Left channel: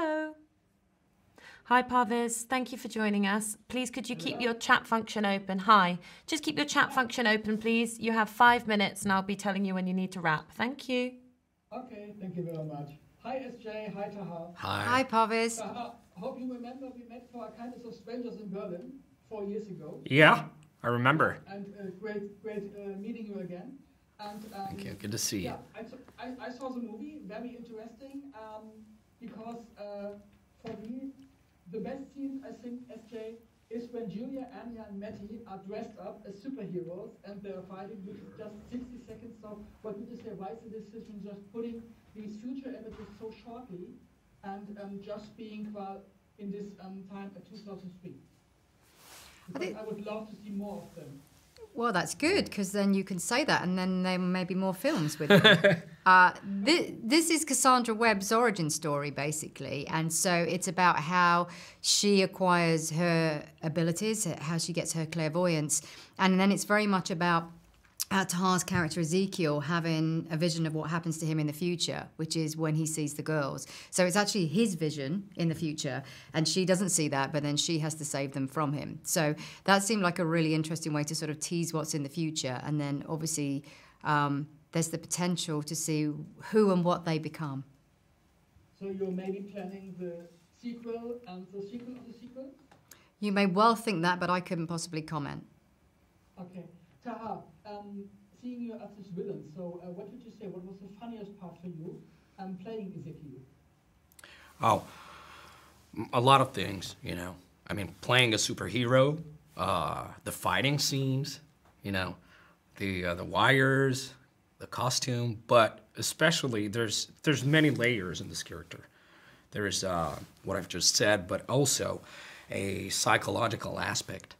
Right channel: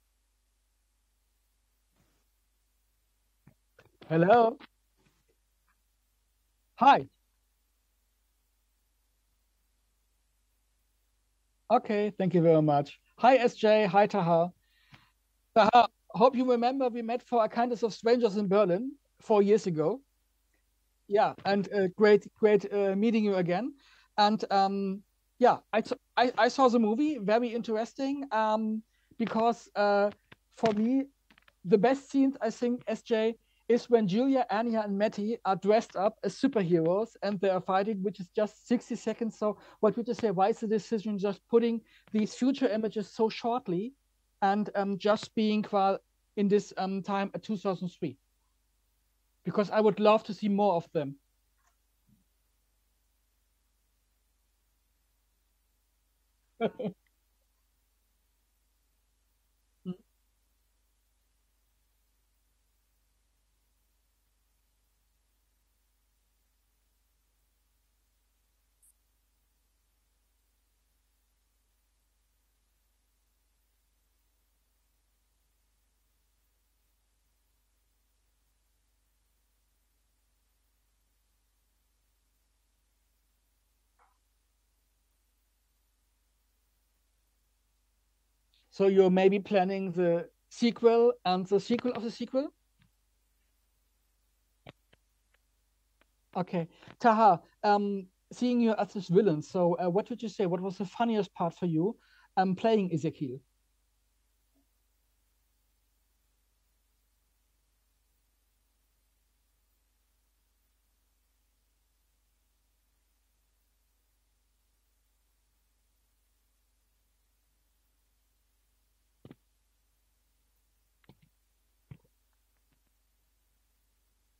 Hello. Hi, Parviz. Thank you for joining us. Please, could you Hello. keep your chat function open? Hi. Just keep your chat function open, please. You have 5 minutes, and I'll be telling you when you need to wrap. Thank you. Okay, thank you very much. Hi, S.J. Hi, Tahar. Hi, Parviz. Tahar, hope you remember we met for A Kindness of Strangers in Berlin 4 years ago. Yeah, I remember. Yeah, and great meeting you again. And good to see you. Yeah, I saw the movie, very interesting, because for me, the best scenes, I think, S.J., is when Julia, Anya, and Matty are dressed up as superheroes and they are fighting, which is just 60 seconds. So what would you say, why is the decision just putting these future images so shortly and just being in this time at 2003? Because I would love to see more of them. Well, that's good, because then you can say that, and then there may be more films with them. This is Cassandra Webb's origin story, basically, and so it's about how she acquires her abilities, how she gets her clairvoyance, and then it's very much about Tahar's character Ezekiel having a vision of what happens to him in the future, which is when he sees the girls. So it's actually his vision in the future, and she doesn't see that, but then she has to save them from him. So that seemed like a really interesting way to sort of tease what's in the future, and then obviously there's the potential to see who and what they become. So you're maybe planning the sequel and the sequel of the sequel? You may well think that, but I couldn't possibly comment. Okay. Tahar, seeing you as this villain, so what would you say? What was the funniest part for you playing Ezekiel? Oh, a lot of things, you know. I mean, playing a superhero, the fighting scenes, you know, the wires, the costume, but especially there's many layers in this character. There's what I've just said, but also a psychological aspect.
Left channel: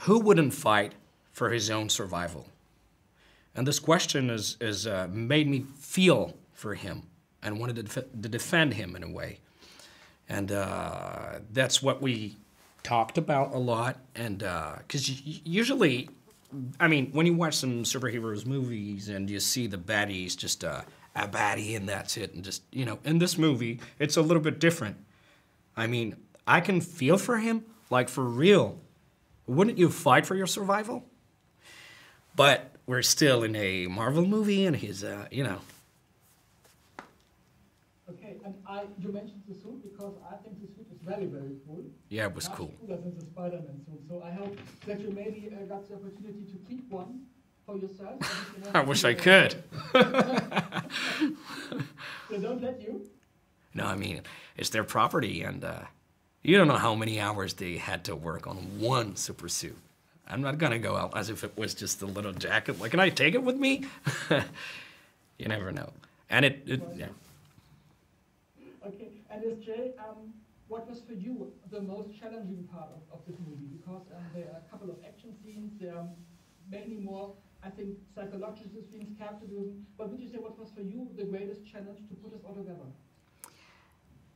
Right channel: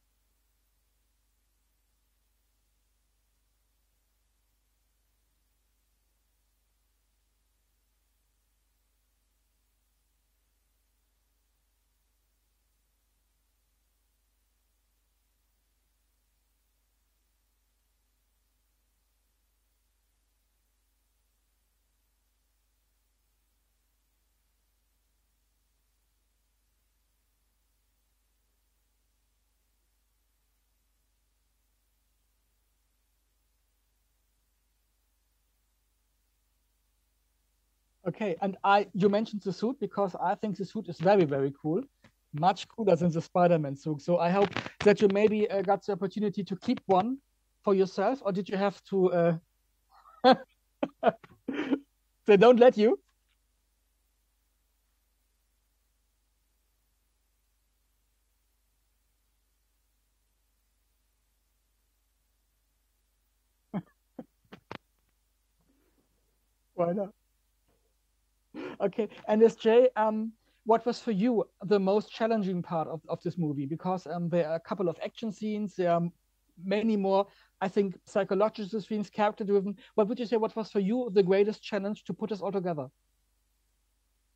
Who wouldn't fight for his own survival? And this question is made me feel for him and wanted to defend him in a way. And that's what we talked about a lot. And because usually, I mean, when you watch some superheroes movies and you see the baddies just a baddie and that's it, and just, you know, in this movie, it's a little bit different. I mean, I can feel for him, like for real. Wouldn't you fight for your survival? But we're still in a Marvel movie, and he's, you know. Okay, and you mentioned the suit, because I think the suit is very, very cool. Yeah, it was much cooler than the Spider-Man suit. So I hope that you maybe got the opportunity to keep one for yourself, or did you have I wish I could. They don't let you? No, I mean, it's their property, and you don't know how many hours they had to work on one super suit. I'm not gonna go out as if it was just a little jacket. Like, can I take it with me? You never know. And Why not? Okay, and S.J., what was for you the most challenging part of this movie? Because there are a couple of action scenes, there are many more, I think, psychological scenes, character-driven. What would you say, what was for you the greatest challenge to put us all together?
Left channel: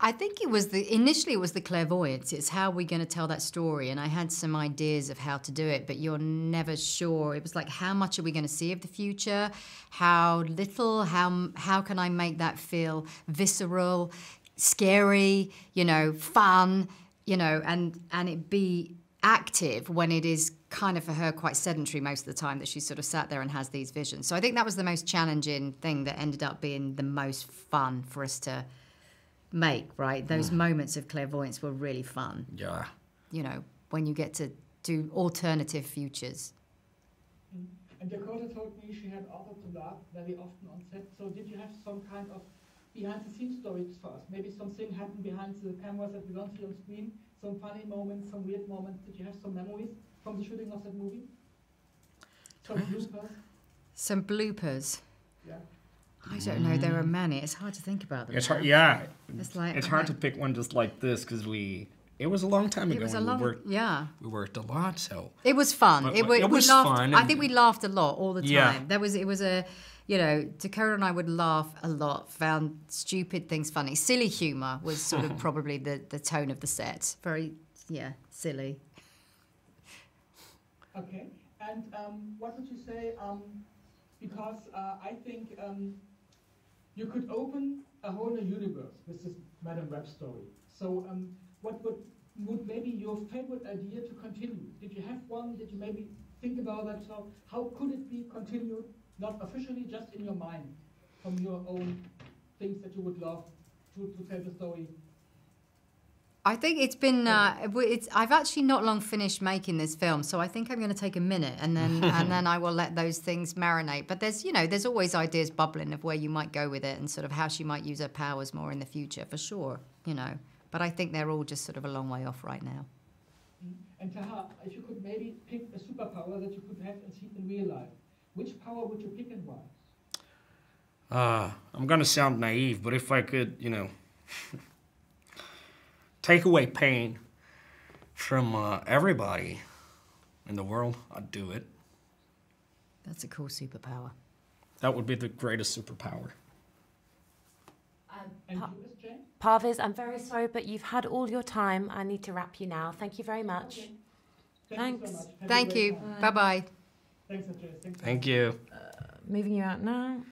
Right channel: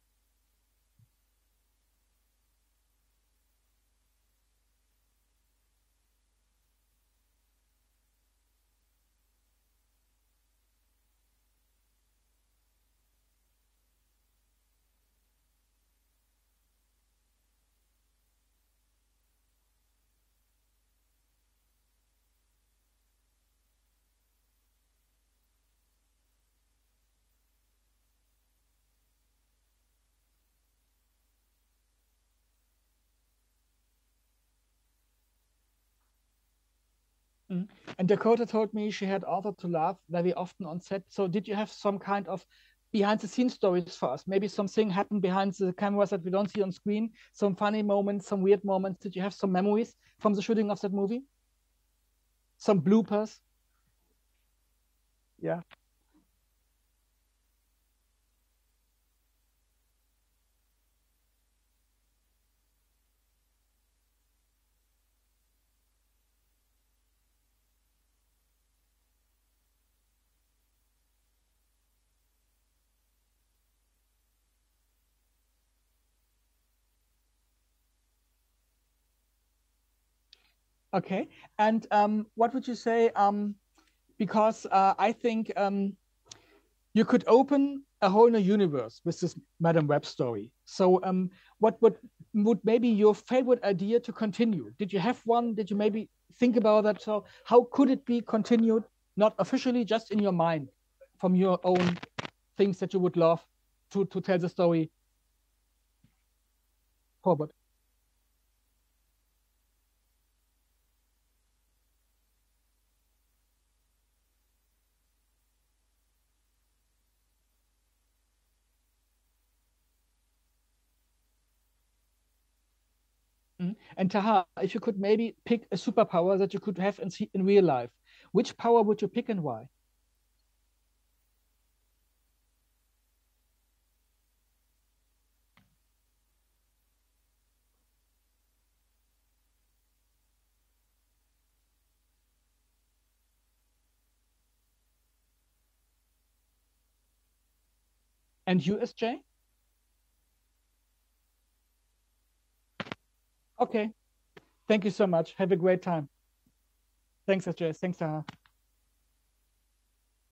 I think initially it was the clairvoyance. It's how we're going to tell that story. And I had some ideas of how to do it, but you're never sure. It was like, how much are we going to see of the future? How little? How can I make that feel visceral, scary, you know, fun, you know, and it be active when it is kind of for her quite sedentary most of the time, that she sort of sat there and has these visions. So I think that was the most challenging thing that ended up being the most fun for us to make, right? Those moments of clairvoyance were really fun. Yeah. You know, when you get to do alternative futures. Mm. And Dakota told me she had also to laugh very often on set. So did you have some kind of behind-the-scenes stories for us? Maybe something happened behind the cameras that we don't see on screen, some funny moments, some weird moments. Did you have some memories from the shooting of that movie? Some bloopers? Some bloopers? Yeah. I don't know. There are many. It's hard to think about them. It's hard. Yeah. It's hard to pick one just like this, because it was a long time ago. We worked a lot, so it was fun. It was fun. I think we laughed a lot all the time. Yeah. It was a, you know, Dakota and I would laugh a lot. Found stupid things funny. Silly humor was sort of probably the tone of the set. Very, silly. Okay. And what would you say? Because I think you could open a whole new universe with this Madame Web story. So what would maybe your favorite idea to continue? Did you have one? Did you maybe think about that? So how could it be continued? Not officially, just in your mind, from your own things that you would love to tell the story. I think it's been. I've actually not long finished making this film, so I think I'm going to take a minute and then I will let those things marinate. But there's always ideas bubbling of where you might go with it and sort of how she might use her powers more in the future, for sure. But I think they're all just sort of a long way off right now. Mm-hmm. And Tahar, if you could maybe pick a superpower that you could have in real life, which power would you pick and why? I'm gonna sound naive, but if I could, take away pain from everybody in the world, I'd do it. That's a cool superpower. That would be the greatest superpower. And you, S.J.? Parviz, I'm very sorry, but you've had all your time. I need to wrap you now. Thank you very much. Okay. Thank you so much. Have a great time. Bye-bye. Thanks, S.J. Thanks, Tahar. Thank you. Moving you out now.